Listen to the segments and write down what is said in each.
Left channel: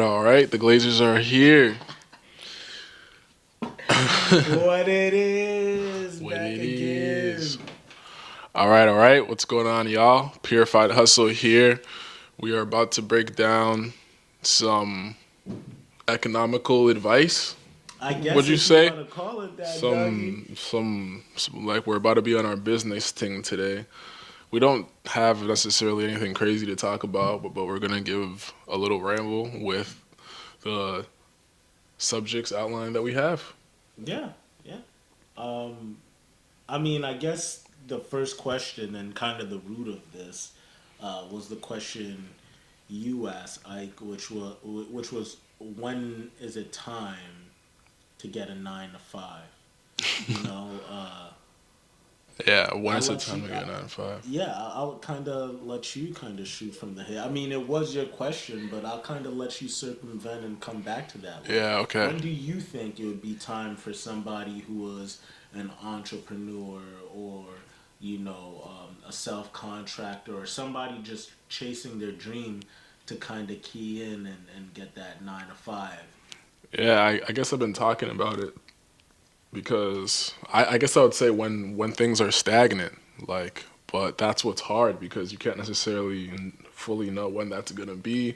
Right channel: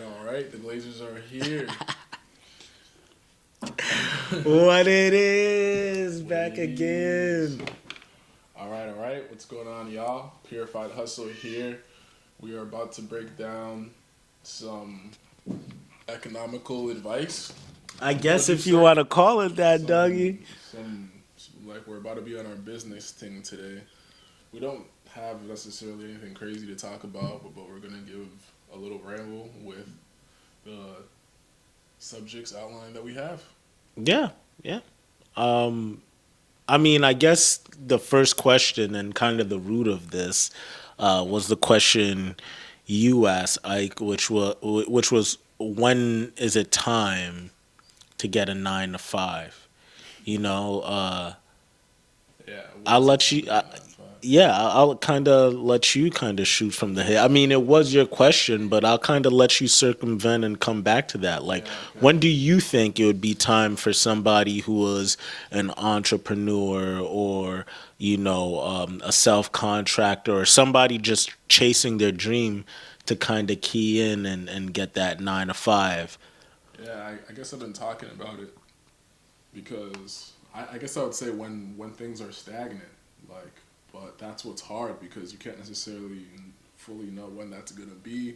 all right. The Glazers are here. What it is, What back it is. again. All right, all right. What's going on, y'all? Purified Hustle here. We are about to break down some economical advice. I guess What'd you if you say? want to call it that, doggy. Some like we're about to be on our business thing today. We don't have necessarily anything crazy to talk about, but we're gonna give a little ramble with the subjects outlined that we have. Yeah, yeah. Um, I mean, I guess the first question and kind of the root of this was the question you asked, Ike, which was when is it time to get a 9 to 5? You know, Yeah, when I'll is it let time you. to get 9 to 5? Yeah, I'll kind of let you kind of shoot from the hip. I mean, it was your question, but I'll kind of let you circumvent and come back to that. Like, Yeah, okay. when do you think it would be time for somebody who was an entrepreneur or, a self contractor or somebody just chasing their dream to kind of key in and get that 9 to 5? Yeah, I guess I've been talking about it because I guess I would say when things are stagnant, like, but that's what's hard because you can't necessarily fully know when that's gonna be,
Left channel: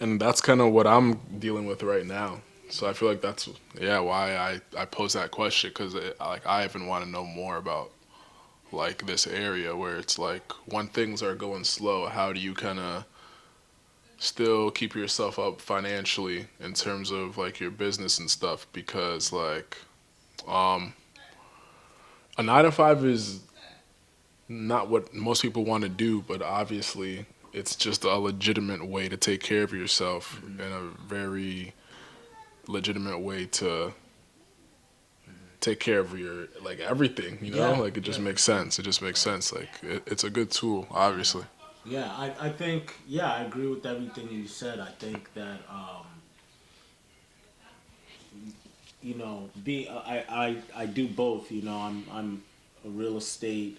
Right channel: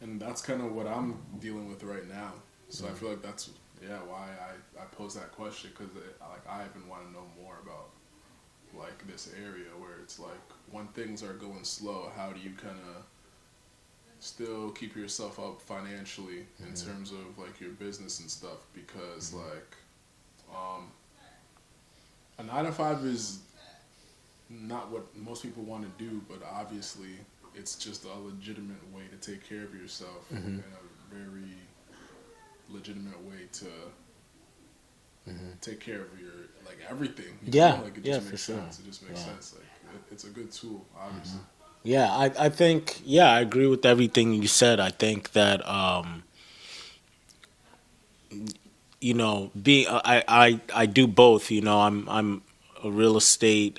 and that's kind of what I'm dealing with right now. So I feel like that's why I pose that question because like I even want to know more about like this area where it's like when things are going slow, how do you kind of still keep yourself up financially in terms of like your business and stuff because like um a 9 to 5 is not what most people want to do, but obviously it's just a legitimate way to take care of yourself Mm-hmm. and a very legitimate way to take care of your like everything, Yeah, like it yeah, just for makes sure. sense. It just makes Right. sense. Like it's a good tool, obviously. Yeah, I think, yeah, I agree with everything you said. I think that, being I do both. I'm a real estate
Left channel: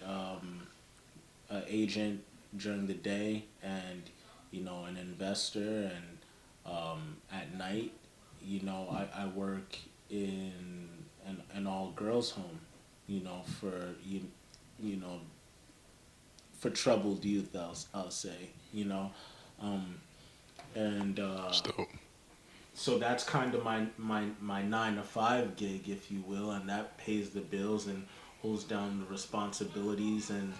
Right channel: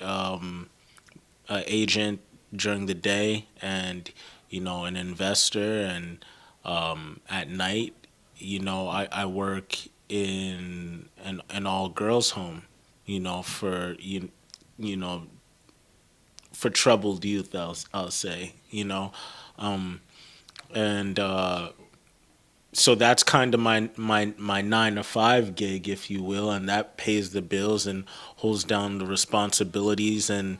agent during the day, and an investor, and at night, I work in an all girls home. For you know for troubled youth. I'll say. Um, and So so that's kind of my 9 to 5 gig, if you will, and that pays the bills and holds down the responsibilities. And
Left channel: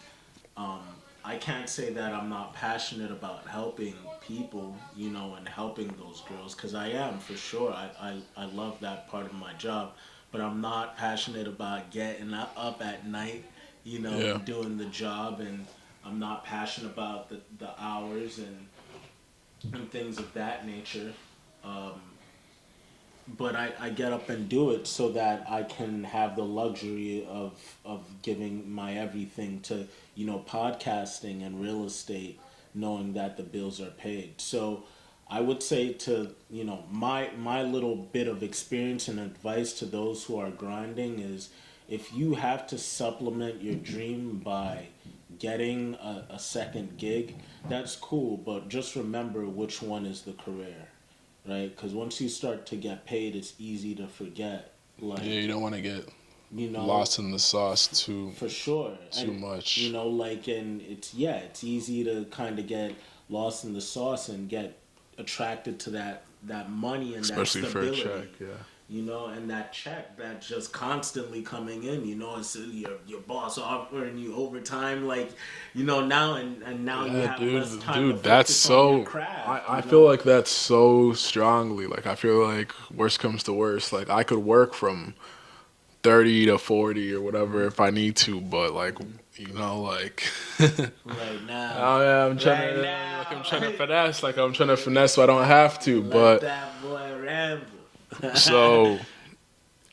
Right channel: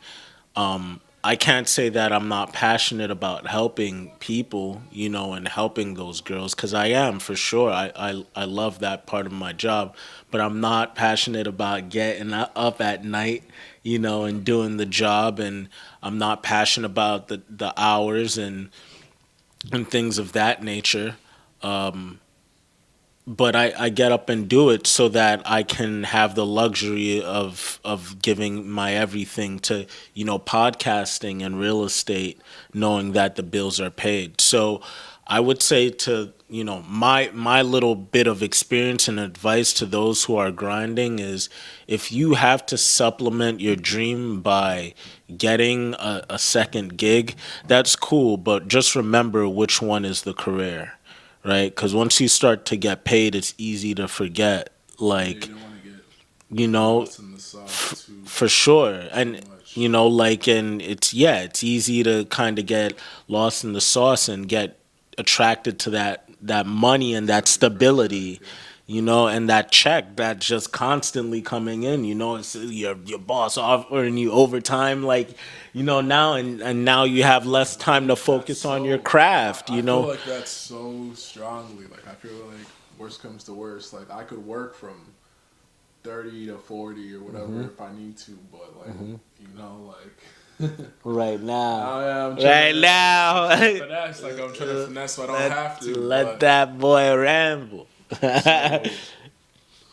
I can't say that I'm not passionate about helping people, and helping those girls, because I am, for sure. I love that part of my job, but I'm not passionate about getting up at night, yeah, and doing the job, and I'm not passionate about the hours and things of that nature. But I get up and do it so that I can have the luxury of giving my everything to, podcasting and real estate, knowing that the bills are paid. So I would say, to, my little bit of experience and advice to those who are grinding is, if you have to supplement your dream by getting a second gig, that's cool, but just remember which one is the career, right? Because once you start to get paid, it's easy to forget. yeah. You Like, don't want to get you know, lost in the sauce for sure. too And, much. and it's easy to kind of get lost in the sauce and get attracted to that money and that Especially for a check, stability. yeah. And that check that's just constantly coming in. It's your boss offering you overtime, like, now, and now you Yeah, have less time to dude, that's focus on your so. craft. I feel like that's so strongly. Like I feel like worst comes to worst. Like I could work from 30 to 40 or whatever if I need to, but like like Right now. I'm trying Right to now. finesse. Like I'm trying to finesse, so I don't have to. Let But that boy ramble. so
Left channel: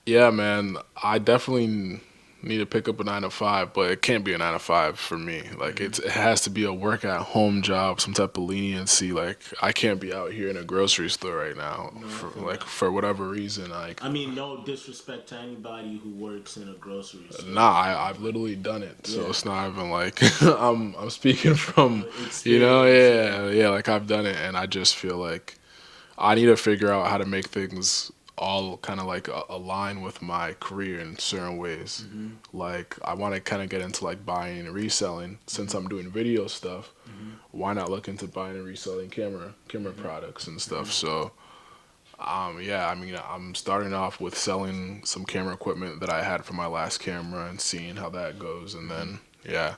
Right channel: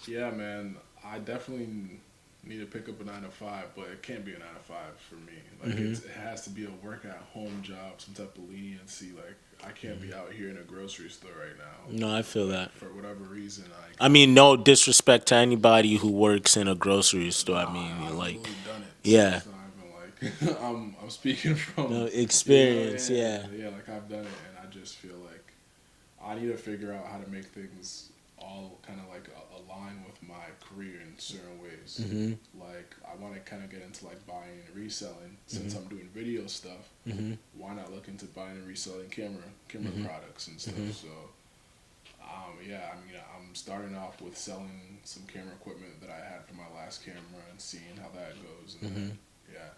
yeah, man, I definitely need to pick up a 9 to 5, but it can't be a 9 to 5 for me. Like it has to be a work at home job, some type of leniency. Like I can't be out here in a grocery store right now No, I for feel like that. for whatever reason. Like I mean, no disrespect to anybody who works in a grocery store. nah, I mean, I've like, literally done it, so yeah, it's not even like I'm speaking from experience. Yeah. yeah, like I've done it, and I just feel like I need to figure out how to make things all kind of like align with my career in certain ways. Mm-hmm. Like I want to kind of get into like buying and reselling since Mm-hmm. I'm doing video stuff. Mm-hmm. Why not look into buying and reselling camera Mm-hmm. products and stuff? Mm-hmm. So yeah, I mean, I'm starting off with selling some camera equipment that I had for my last camera and seeing how that goes, and Mm-hmm. then yeah,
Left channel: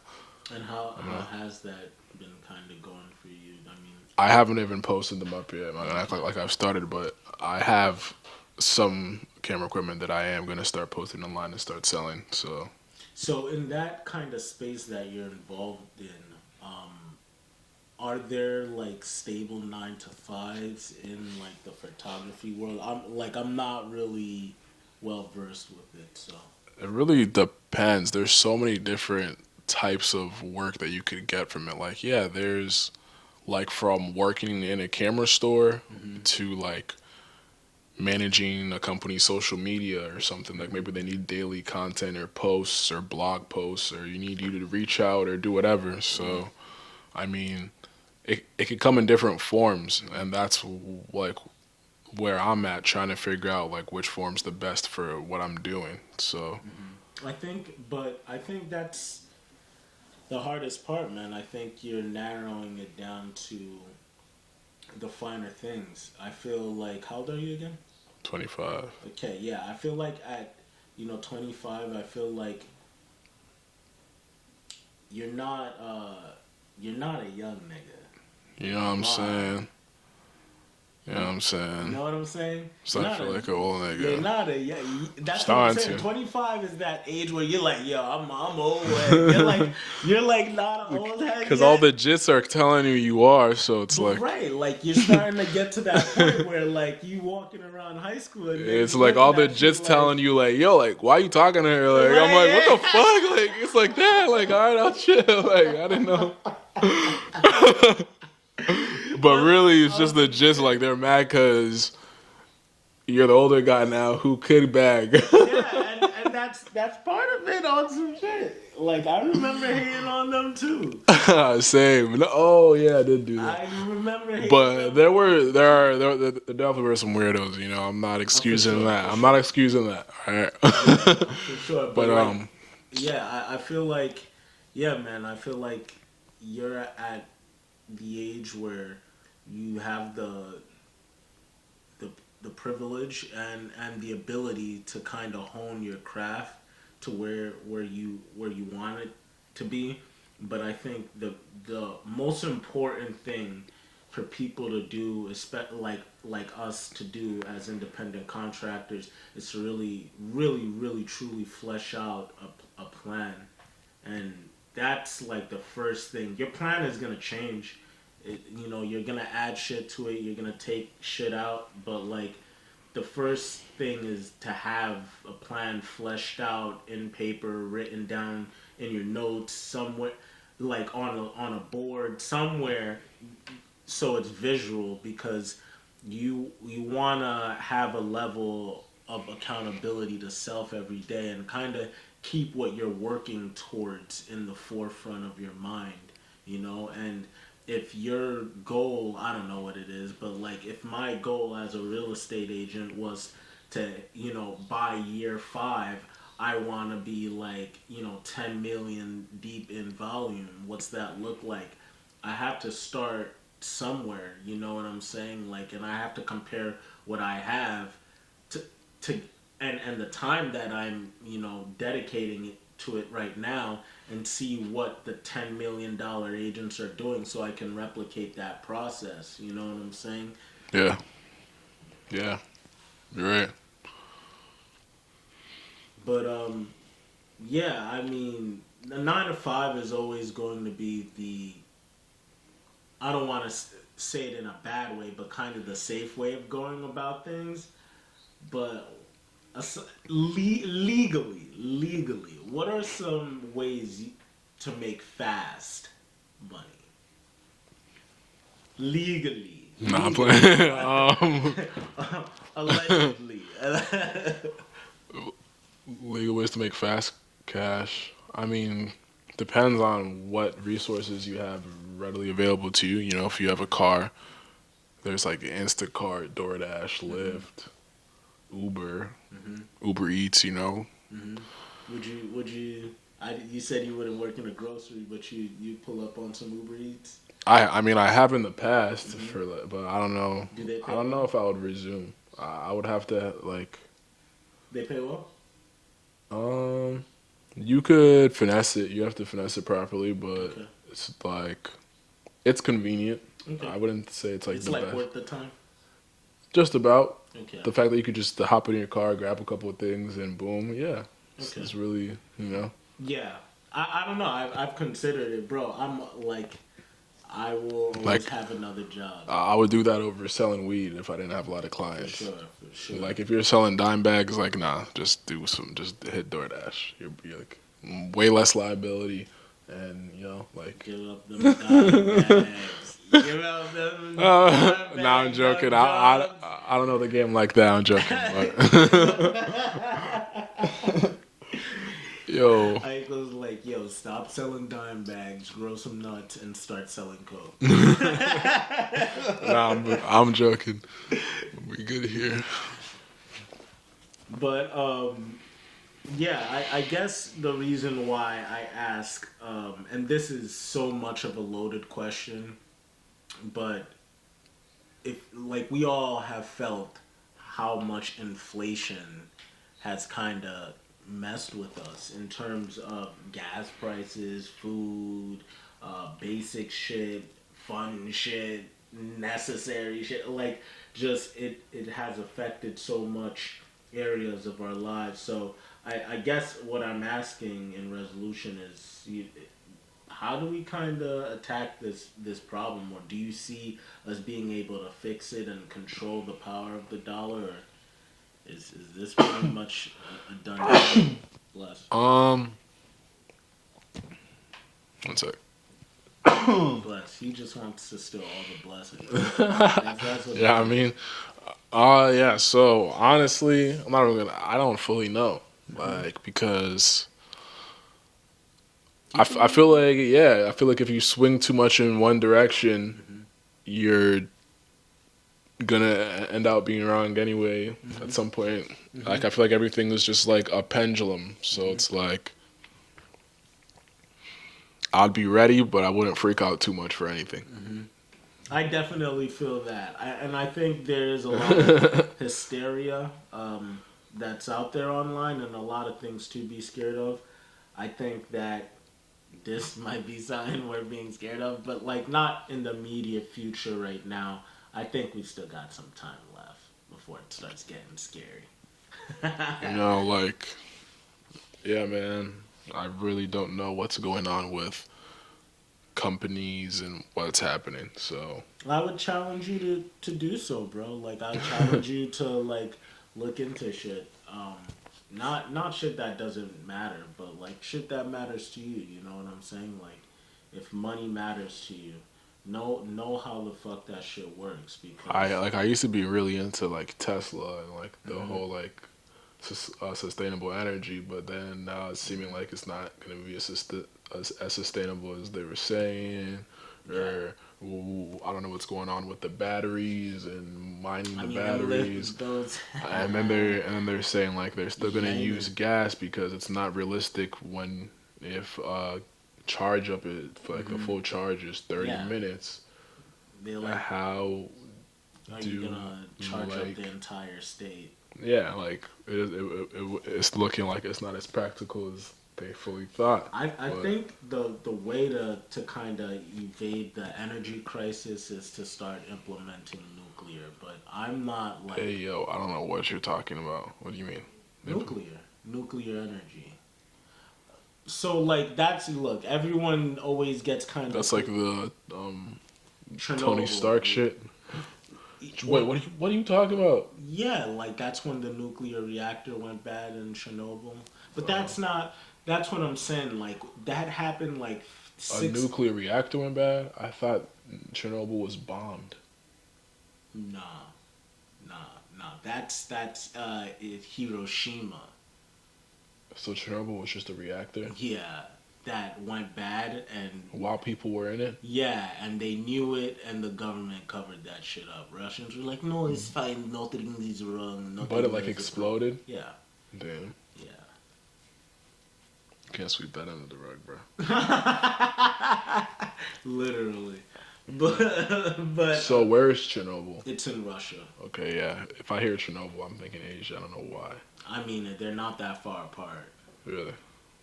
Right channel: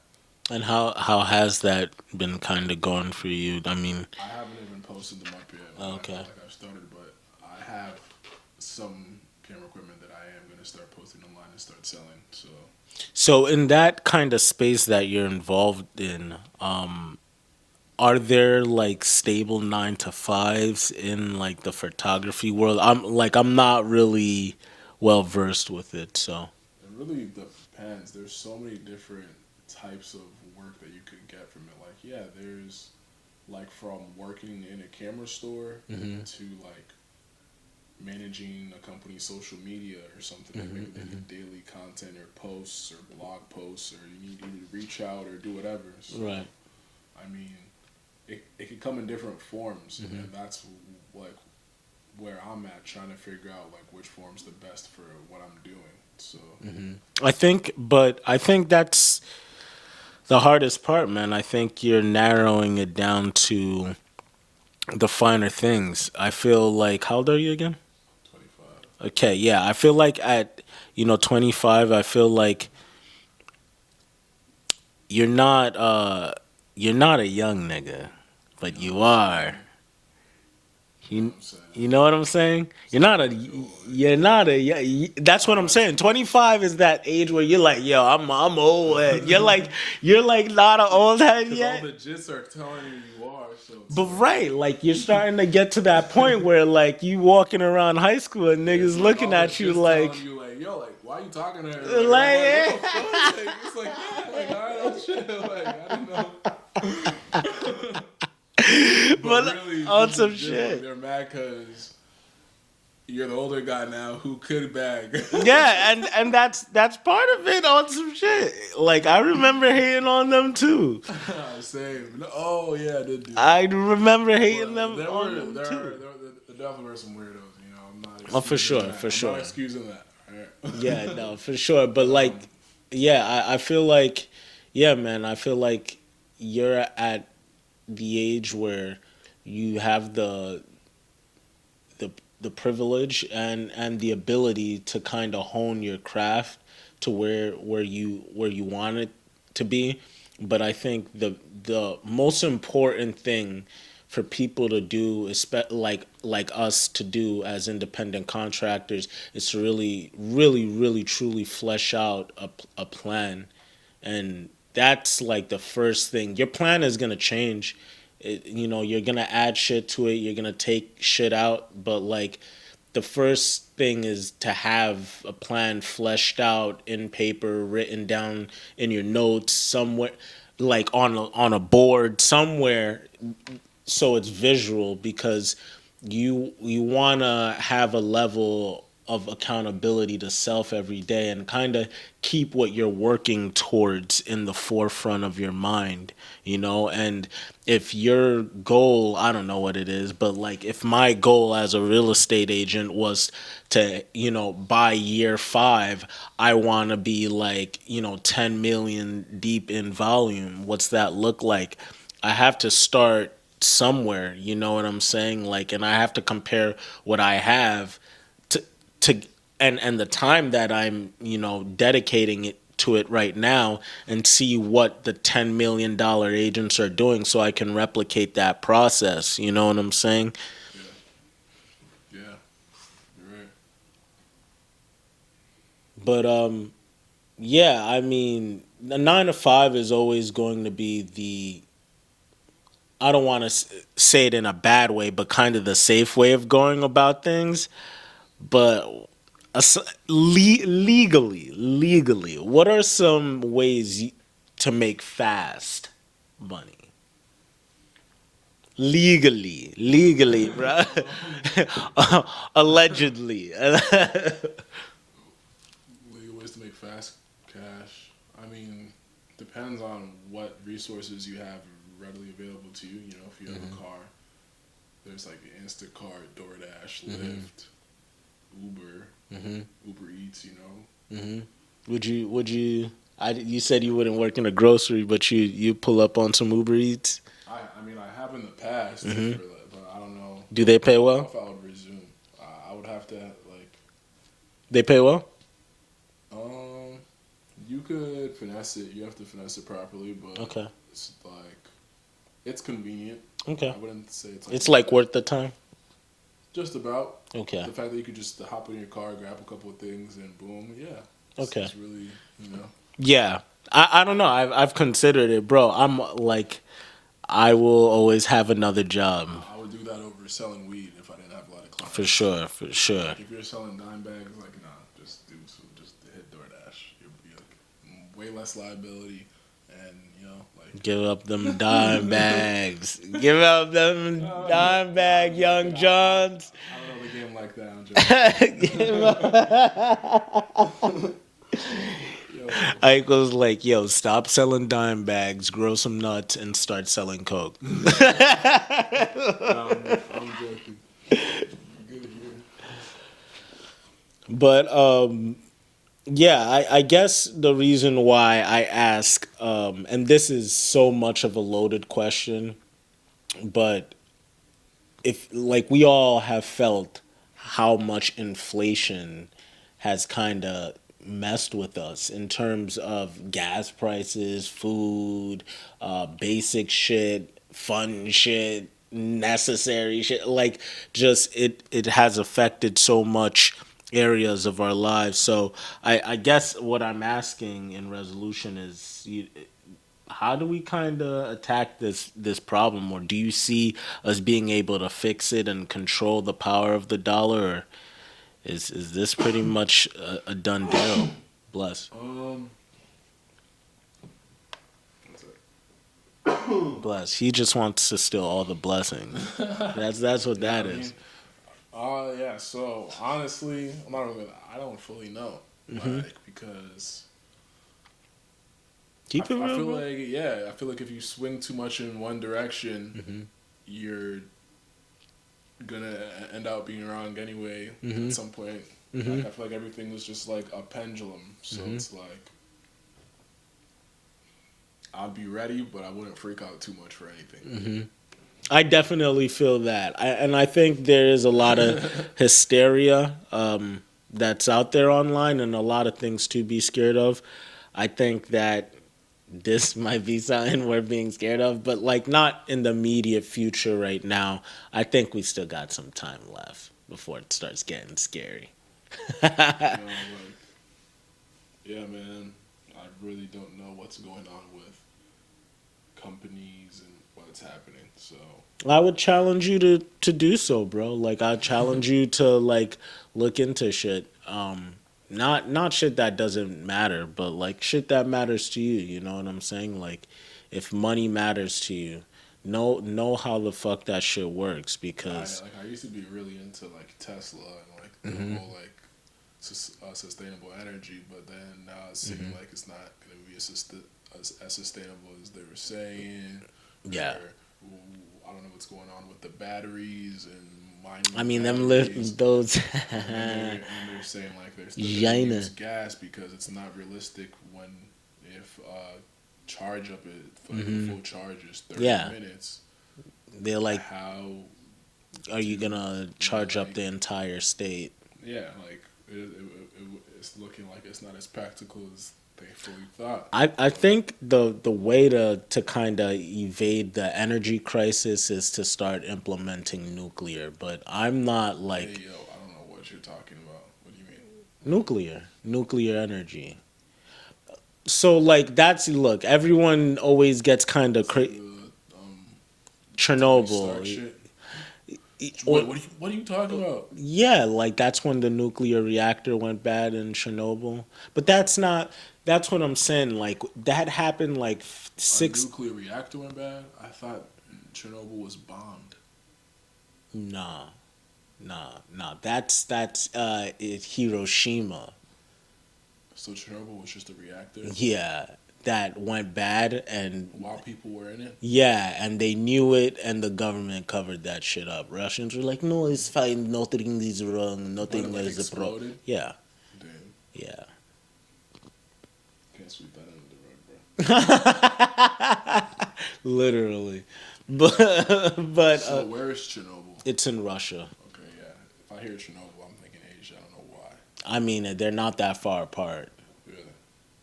And how has that been kind of going for you? I mean, I haven't even posted them up yet, man. I okay. felt like I've started, but I have some camera equipment that I am gonna start posting online and start selling. So So in that kind of space that you're involved in, are there like stable 9 to 5s in like the photography world? I'm not really well versed with it, so. it really depends. There's so many different types of work that you could get from it. Like, yeah, there's like from working in a camera store Mm-hmm. to like managing a company's social media or something. Like maybe they Mm-hmm. need daily content or posts or blog posts or you need you to reach out or do whatever. Right. So I mean, it could come in different forms, Mm-hmm. and that's like where I'm at trying to figure out like which form's the best for what I'm doing. So I think that's the hardest part, man. I think you're narrowing it down to the finer things. I feel like, how old are you again? 25. Okay, yeah. I feel like at 25, I feel like you're not you're not a young nigga, You but know what you I'm are. saying? You know what You, I'm you saying? know what I'm saying? You're Starting to not feel a like an old you're nigga. not a that's what I'm Starting saying. to. 25 is that age where you're like, yo, I'm old. You're like not an old head Because all yet. the jits are telling you you are, so it's But like right, like you're starting to get to that point where like you walking around high school and it's niggas like looking all the at you jits telling like you like, yo, like why you talking to her? Like I'm like, what the fuck? Like it's like that. Like all right, I'll chill. Like I didn't know. But but really, it's on just the some gist. Like shit. they're mad because you're the older guy now who could bag. Yeah, and that's part of it on some shit. Like I remember hating on them too. Same. No, oh yeah, I did do that. I remember hating But them on them too. there definitely were some weirdos. You know, I'm not Oh, for excusing sure, that. for I'm not sure. excusing that. All Yeah, right. no, for sure. But But like, yeah, I feel like, yeah, man, I feel like you're at the age where you have the the privilege and the ability to kind of hone your craft to where you want it to be. But I think the most important thing for people to do, like us to do as independent contractors, is to really, really, really, truly flesh out a plan, and that's like the first thing. Your plan is gonna change. You're gonna add shit to it. You're gonna take shit out, but like the first thing is to have a plan fleshed out in paper, written down in your notes somewhere, like on a board somewhere, so it's visual, because you want to have a level of accountability to self every day and kind of keep what you're working towards in the forefront of your mind, and if your goal, I don't know what it is, but like if my goal as a real estate agent was to, by year 5, I want to be like, 10 million deep in volume. What's that look like? I have to start somewhere, you know what I'm saying? Like, and I have to compare what I have to to and the time that I'm, dedicating it to it right now, and see what the $10 million agents are doing so I can replicate that process, you know what I'm saying? yeah, yeah, you're right. But yeah, I mean, the 9 to 5 is always going to be the, I don't want to say it in a bad way, but kind of the safe way of going about things. But legally, what are some ways to make fast money? Nah, Legally, playing. bro. Allegedly. Legal ways to make fast cash. I mean, depends on what resources you have readily available to you. You know, if you have a car, there's like Instacart, DoorDash, Lyft, Uber, Uber Eats. You know, Would you? You said you wouldn't work in a grocery, but you pull up on some Uber Eats. I mean I have in the past, but I don't know. Do they I pay don't know well? if I would resume. I would have to like They pay well. um. You could finesse it. You have to finesse it properly, but Okay. it's like it's convenient. Okay. I wouldn't say it's like It's the like best. worth the time. Just about Okay. the fact that you could just hop in your car, grab a couple of things, and boom, yeah. Okay. It's really, you know. Yeah. I don't know. I've considered it, bro. I'm like, I will always Like have another job. I would do that over selling weed if I didn't have a lot of clients. For sure. For sure. Like if you're selling dime bags, like nah, just hit DoorDash. You'll be like way less liability, and you know, like Give up them dime bags. Give up them dime nah, I'm bags, Young joking. Johns. I don't know the game like that. I'm joking. But yo, Ike was like, yo, stop selling dime bags, grow some nuts, and start selling coke. nah, I'm joking. We good here. But yeah, I guess the reason why I ask, and this is so much of a loaded question, but if like we all have felt how much inflation has kind of messed with us in terms of gas prices, food, basic shit, fun shit, necessary shit. Like just it has affected so much areas of our lives. So I guess what I'm asking in resolution is how do we kind of attack this problem, or do you see us being able to fix it and control the power of the dollar, or is this pretty much a done deal? Bless. One sec. Bless. He just wants to steal all the blessings. That's what Yeah, that I is. mean, yeah. So honestly, I'm not even gonna. I don't fully know, like because Keep it I feel real. like yeah, I feel like if you swing too much in one direction, you're gonna end up being wrong anyway at some point. Like I feel like everything is just like a pendulum, so it's like I'd be ready, but I wouldn't freak out too much for anything. I definitely feel that, and I think there is a lot of hysteria that's out there online, and a lot of things to be scared of. I think that this might be something we're being scared of, but like not in the immediate future right now. I think we still got some time left before it starts getting scary. You know, like yeah, man. I really don't know what's going on with companies and what's happening. So I would challenge you to do so, bro. Like I challenge you to like look into shit. Not shit that doesn't matter, but like shit that matters to you. You know what I'm saying? Like if money matters to you, know how the fuck that shit works because I used to be really into like Tesla and like the whole like sustainable energy, but then now it's seeming like it's not going to be as sustainable as they were saying. yeah. Or I don't know what's going on with the batteries and mining I the mean them batteries. those And they're saying like they're still gonna Jaina. use gas because it's not realistic when if charge up it for like a full charge is 30 Yeah. minutes. They're like, How are you do gonna you charge up like the entire state? yeah like it's looking like it's not as practical as they fully thought. I But think the way to kind of evade the energy crisis is to start implementing nuclear, but I'm not hey like yo, I don't know what you're talking about. What do you mean? nuclear energy. So like that's look, everyone always gets kind of That's like the Tony Stark Chernobyl. shit. Or, Wait, what are you talking about? yeah, like that's when the nuclear reactor went bad in Chernobyl. But that's not. That's what I'm saying. Like that happened like A six. nuclear reactor went bad? I thought Chernobyl was bombed. Nah, nah. That's Hiroshima. So Chernobyl was just a reactor? Yeah, that went bad, and While people were in it. yeah, and they knew it, and the government covered that shit up. Russians were like, "No, it's fine. Nothing is wrong. But it Nothing like is a pro." exploded. Yeah, Damn. yeah. Can't sweep that under the rug, bro. Literally, but So where is Chernobyl? it's in Russia. Okay, yeah. If I hear Chernobyl, I'm thinking Asia. I don't know why. I mean, they're not that far apart. Really.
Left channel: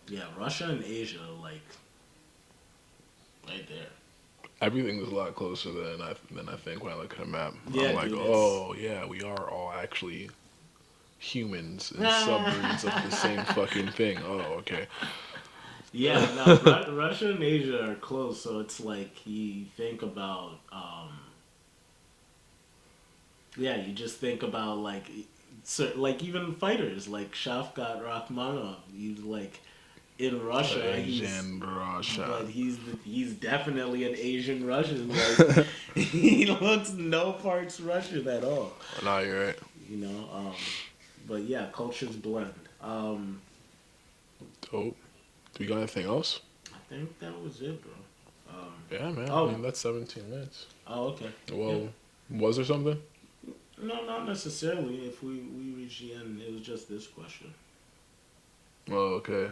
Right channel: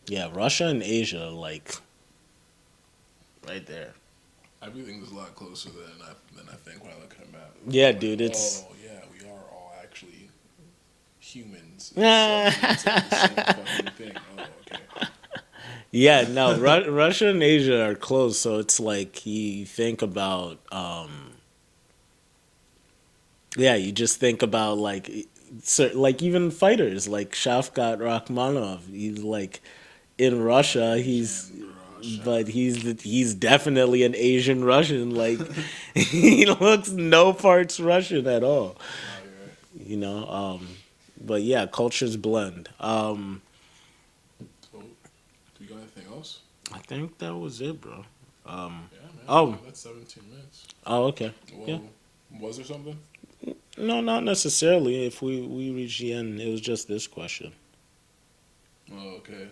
Yeah, Russia and Asia, like right there. Everything is a lot closer than I think when I look at a map. Yeah, I'm like, dude, it's oh yeah, we are all actually humans and submarines of the same fucking thing. Oh, okay. yeah. No, Russia and Asia are close, so it's like you think about, yeah, you just think about like, so, like even fighters like Shafkat Rakhmonov. He's like in Russia. Asian Russia. But he's definitely an Asian Russian. Like he looks no parts Russian at all. No, you're right. You know. But yeah, cultures blend. Dope. Do we got anything else? I think that was it, bro. Yeah, man. Oh. Man, that's 17 minutes. Oh, okay. Well, Yeah. was there something? No, not necessarily. If we reach the end, it was just this question. Oh, okay.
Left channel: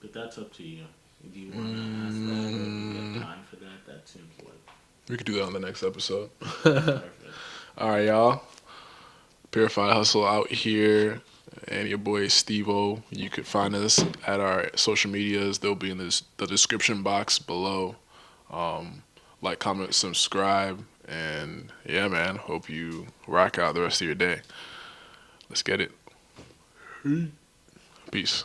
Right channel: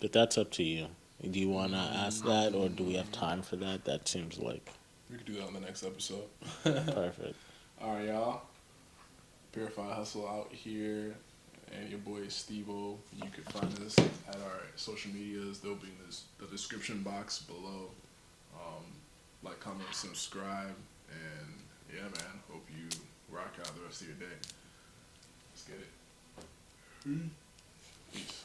But that's up to you. Do you want to ask that, or do we have time for that? That seems like We could do that on the next episode. perfect. All right, y'all. Purified Hustle out here, and your boy Steve-O. You could find us at our social medias. They'll be in the description box below. Like, comment, subscribe, and yeah, man. Hope you rock out the rest of your day. Let's get it. Peace.